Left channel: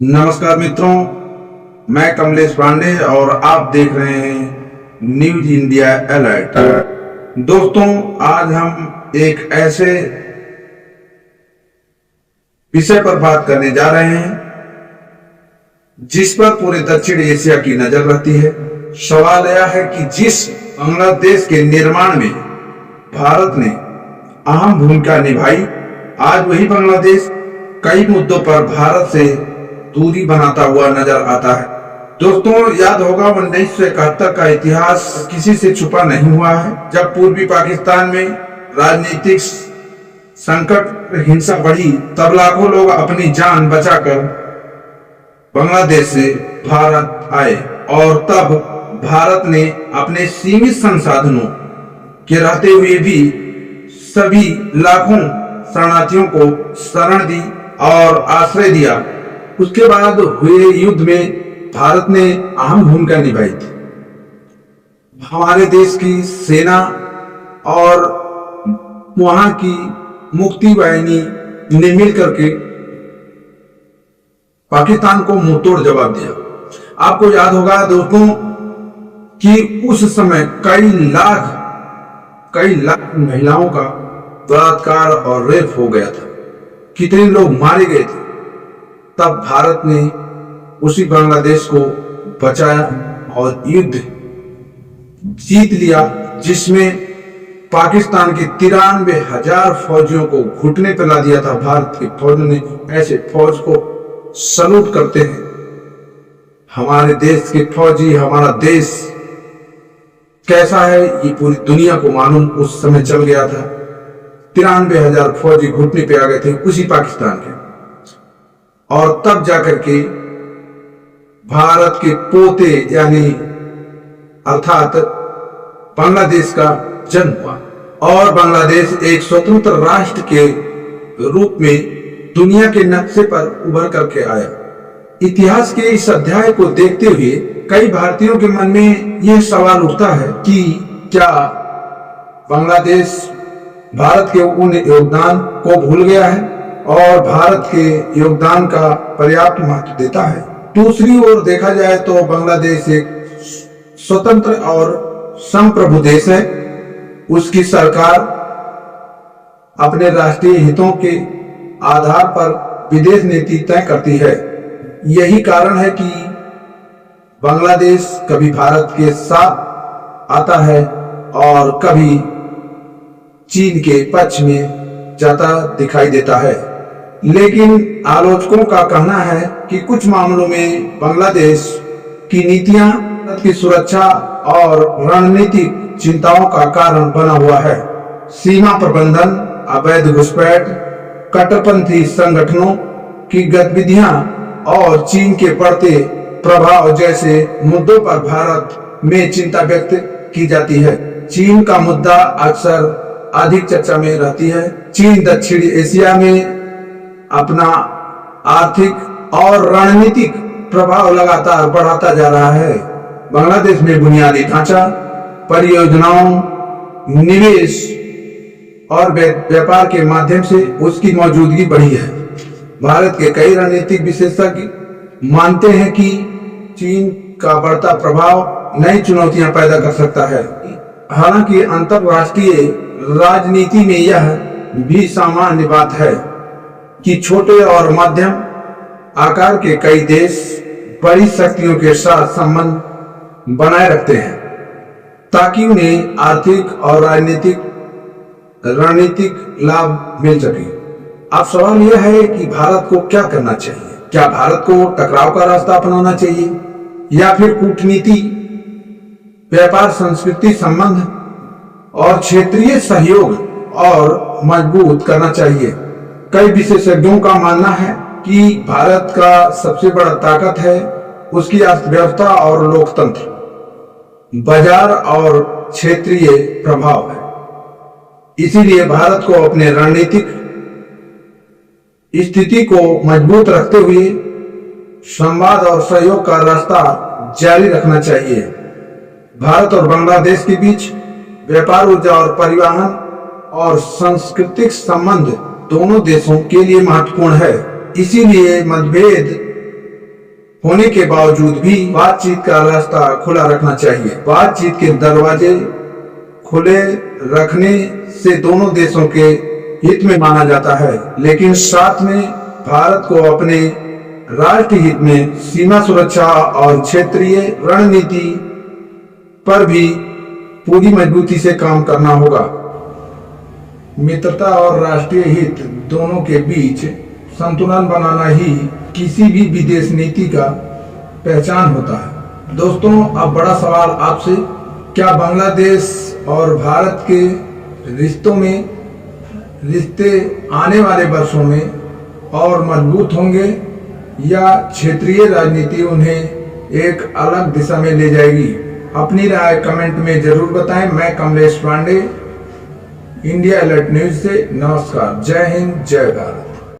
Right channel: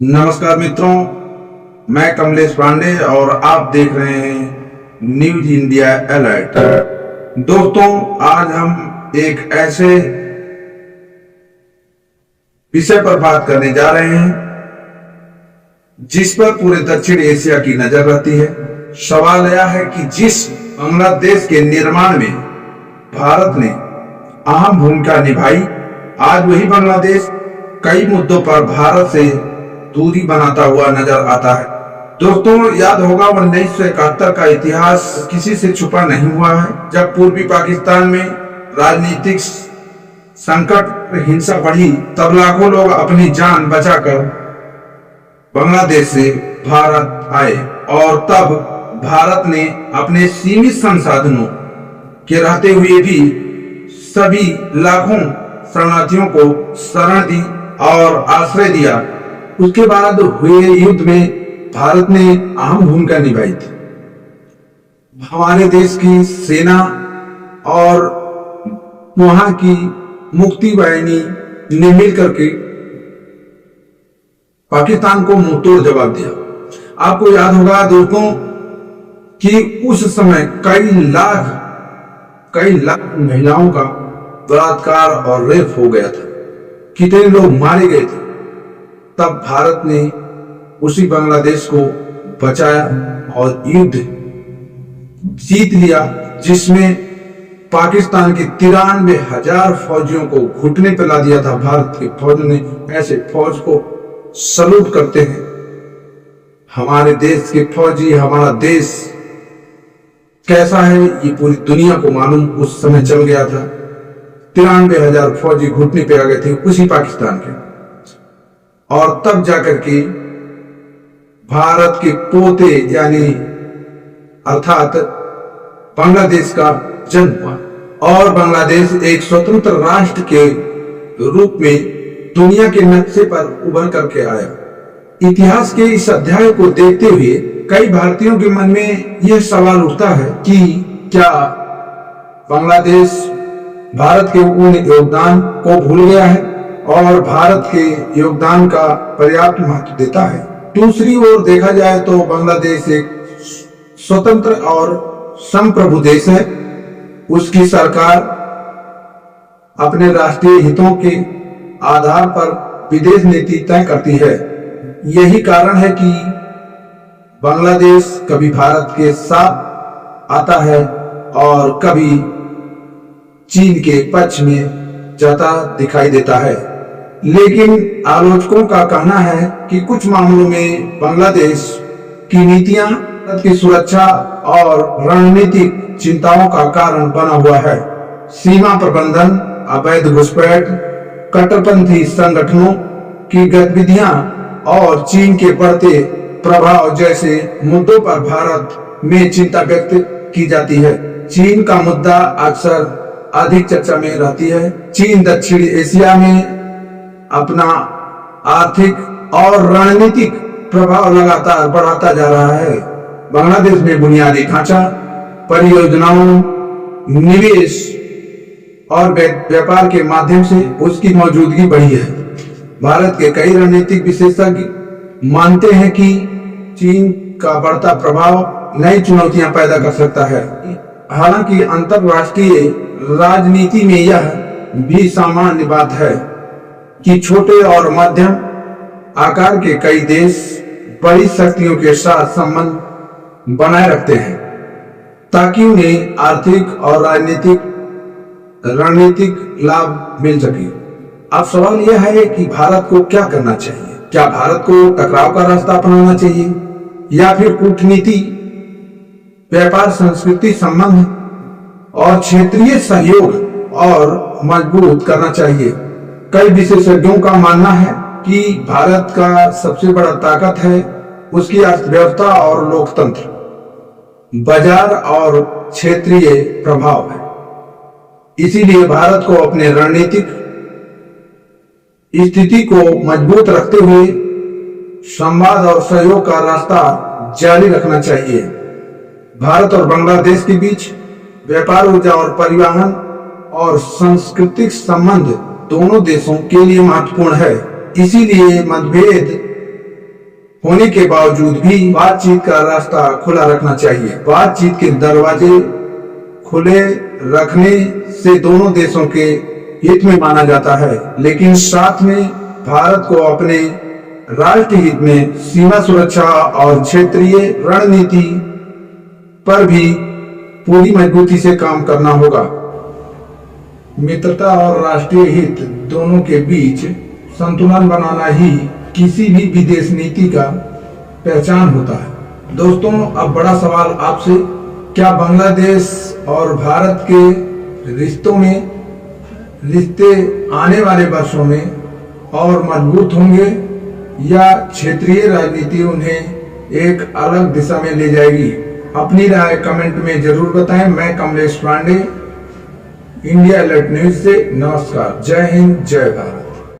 नमस्कार मित्रों, मैं कमलेश पांडे और आप देख रहे हैं न्यूज इंडिया अलर्ट। दोस्तों, आज हम एक ऐसे विषय पर बात करने जा रहे हैं जिस पर पूरे दक्षिण एशिया की नजर रहती है। सवाल यह है कि जिस बांग्लादेश के निर्माण में भारत ने अहम भूमिका निभाई, आज वही बांग्लादेश कई मुद्दों पर भारत से दूरी बनाता हुआ नजर आता है। दोस्तों, याद होगा 1971 का इतिहास किसी से छुपा नहीं हुआ है। जब पूर्वी पाकिस्तान में राजनीतिक संकट, हिंसा बढ़ी, तब लाखों लोग अपनी जान बचाकर बांग्लादेश से भारत आए और तब भारत ने अपने सीमित संसाधनों के रहते हुए भी सभी लाखों शरणार्थियों को शरण दी और आश्रय दिया। उसके बाद हुए युद्ध में भारत ने अहम भूमिका निभाई थी। हमारे देश की सेना और वहां की मुक्ति वाहिनी ने मिलकर के पाकिस्तान को मुंहतोड़ जवाब दिया। आपको याद होगा दोस्तों कि उस समय कई लाख महिलाओं का बलात्कार और रेप हो गया था, कितने लोग मारे गए थे। तब भारत ने उसी बांग्लादेश को बचाया और युद्ध जीत लिया, जिसमें पाकिस्तान के 93,000 फौजियों को घुटने पर ला दिया था। भारत की फौज ने, ऐसे फौज को सलूट करते हैं। हमारे देश के फौजी, हमारा देश कैसा है ये पूरी दुनिया को मालूम उस समय चल गया था। 93,000 फौजी घुटने पे आ गए थे उसी पाकिस्तान के, और तब जाकर के भारत के पोते यानी अर्थात बांग्लादेश का जन्म हुआ और बांग्लादेश एक स्वतंत्र राष्ट्र के रूप में दुनिया के नक्शे पर उभर करके आया। इतिहास के इस अध्याय को देखते हुए कई भारतीयों के मन में यह सवाल उठता है कि क्या बांग्लादेश भारत के उन योगदान को भूल गया है और भारत के योगदान का पर्याप्त महत्व देता है। दूसरी ओर देखा जाए तो बांग्लादेश एक स्वतंत्र और संप्रभु देश है। उसकी सरकार अपने राष्ट्रीय हितों के आधार पर विदेश नीति तय करती है। यही कारण है कि बांग्लादेश कभी भारत के साथ आता है और कभी चीन के पक्ष में जाता दिखाई देता है। लेकिन आलोचकों का कहना है कि कुछ मामलों में बांग्लादेश की नीतियां भारत की सुरक्षा और रणनीतिक चिंताओं का कारण बना हुआ है। सीमा प्रबंधन, अवैध घुसपैठ, कट्टरपंथी संगठनों की गतिविधियां और चीन के बढ़ते प्रभाव जैसे मुद्दों पर भारत में चिंता व्यक्त की जाती है। चीन का मुद्दा अक्सर अधिक चर्चा में रहती है। चीन दक्षिण एशिया में अपना आर्थिक और रणनीतिक प्रभाव लगातार बढ़ाता जा रहा है। बांग्लादेश में बुनियादी ढांचा, परियोजनाओं, निवेश और व्यापार के माध्यम से उसकी मौजूदगी बढ़ी है। भारत के कई रणनीतिक विशेषज्ञ मानते हैं कि चीन का बढ़ता प्रभाव नई चुनौतियां पैदा कर सकता है। हालांकि अंतरराष्ट्रीय राजनीति में यह भी सामान्य बात है कि छोटे और मध्यम आकार के कई देश बड़ी शक्तियों के साथ संबंध बनाए रखते हैं ताकि उन्हें आर्थिक और रणनीतिक लाभ मिल सके। अब सवाल यह है कि भारत को क्या करना चाहिए। क्या भारत को टकराव का रास्ता अपनाना चाहिए या फिर कूटनीति, व्यापार, संस्कृति संबंध और क्षेत्रीय सहयोग और मजबूत करना चाहिए। कई विशेषज्ञों का मानना है कि भारत का सबसे बड़ा ताकत है उसकी अर्थव्यवस्था और लोकतंत्र, बाजार और क्षेत्रीय प्रभाव है। इसीलिए भारत को अपने रणनीतिक स्थिति को मजबूत रखते हुए संवाद और सहयोग का रास्ता जारी रखना चाहिए। भारत और बांग्लादेश के बीच व्यापार, ऊर्जा और परिवहन और सांस्कृतिक संबंध दोनों देशों के लिए महत्वपूर्ण है। इसीलिए मतभेद होने के बावजूद भी बातचीत का रास्ता खुला रखना चाहिए। बातचीत के दरवाजे खुले रखने से दोनों देशों के हित में माना जाता है, लेकिन साथ में भारत को अपने राष्ट्र हित में सीमा सुरक्षा और क्षेत्रीय रणनीति पर भी पूरी मजबूती से काम करना होगा। मित्रता और राष्ट्रीय हित दोनों के बीच संतुलन बनाना ही किसी भी विदेश नीति का पहचान होता है। दोस्तों, अब बड़ा सवाल आपसे, क्या बांग्लादेश और भारत के रिश्ते आने वाले वर्षों में और मजबूत होंगे या क्षेत्रीय राजनीति उन्हें एक अलग दिशा में ले जाएगी? अपनी राय कमेंट में जरूर बताएं। मैं Kamlesh Pandey, India alert news से नमस्कार। जय हिंद, जय भारत।